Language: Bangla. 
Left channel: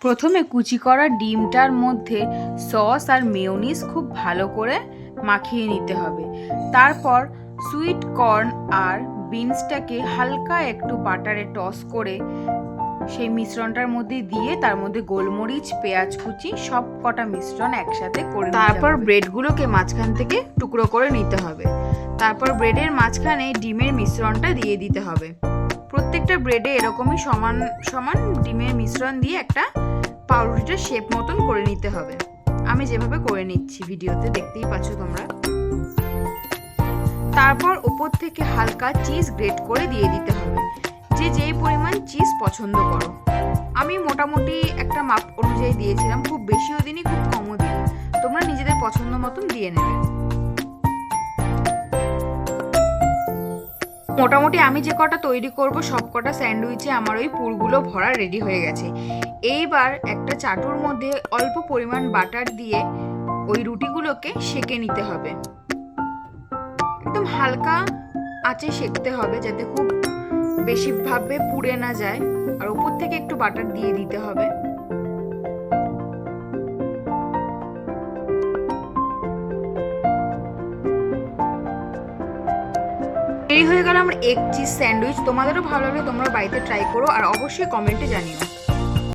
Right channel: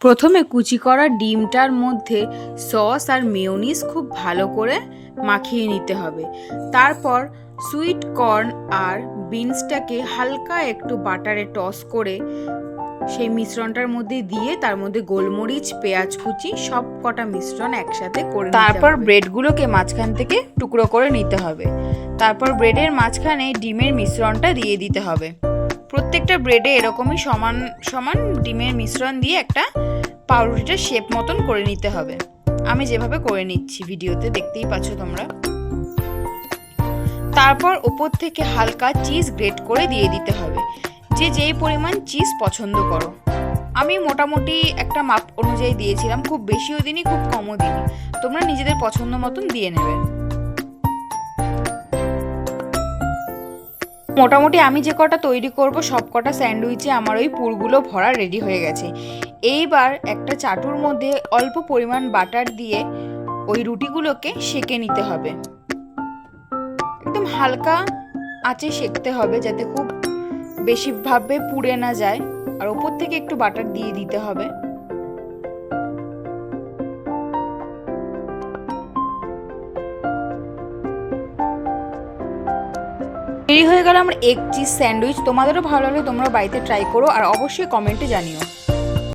প্রথমে কুচি করা ডিমটার মধ্যে সস আর মেয়োনিজ খুব ভালো করে মাখিয়ে নিতে হবে। তারপর সুইট কর্ন আর বিনসটাকে হালকা একটু বাটারে টস করে সেই মিশ্রণটার মধ্যে দিয়ে তার মধ্যে গোলমরিচ, পেঁয়াজ কুচি সব কটা মিশ্রণ একসাথে করে তারপর ব্রেডগুলোকে মাঝখান থেকে টুকরো করে নিতে হবে। তারপর ব্রেডের মাঝখানে ডিমের মিশ্রণটা দিয়ে দিতে হবে। প্রত্যেকটা ব্রেডে এরকমই সমান সমান ডিমের মিশ্রণ দিয়ে একটা পাউরুটিটার শেপ মতন করে নিতে হবে। আমি যেভাবে করে নিচ্ছি ভিডিওতে দেখতেই পাচ্ছ তোমরা। তারপর ওপর থেকে হালকা চিজ গ্রেট করে দিয়ে দিতে হবে, যে যেই পরিমাণ চিজ পছন্দ করো। আমি মোটামুটি একটা মাপ অনুযায়ী দিয়েছিলাম, খুব বেশিও দিনই খুব কমও দিনই, তোমরা নিজেদের পছন্দ মতন দিয়ে নেবে। মোটামুটি আমি যে কটা তৈরি করব সব কটা স্যান্ডউইচে আমার ওই পুরগুলো ভরা রেডি হয়ে গেছে। এইবার একটা চাটুর মধ্যে অল্প পরিমাণ বাটার দিয়ে ওই রুটিগুলোকে সেঁকে নিতে হবে। একদম হালকা আঁচে সেঁকতে হবে যাতে খুব বেশিভাবে পুড়ে না যায়, আর ওপর থেকে একটু বাটার দিয়ে দিতে হবে। তৈরি হয়ে গেল আমার এগ চিজ স্যান্ডউইচ। তোমাদেরও ভালো লাগলে তোমরা বাড়িতে ট্রাই করো আর অবশ্যই কমেন্টে জানিও।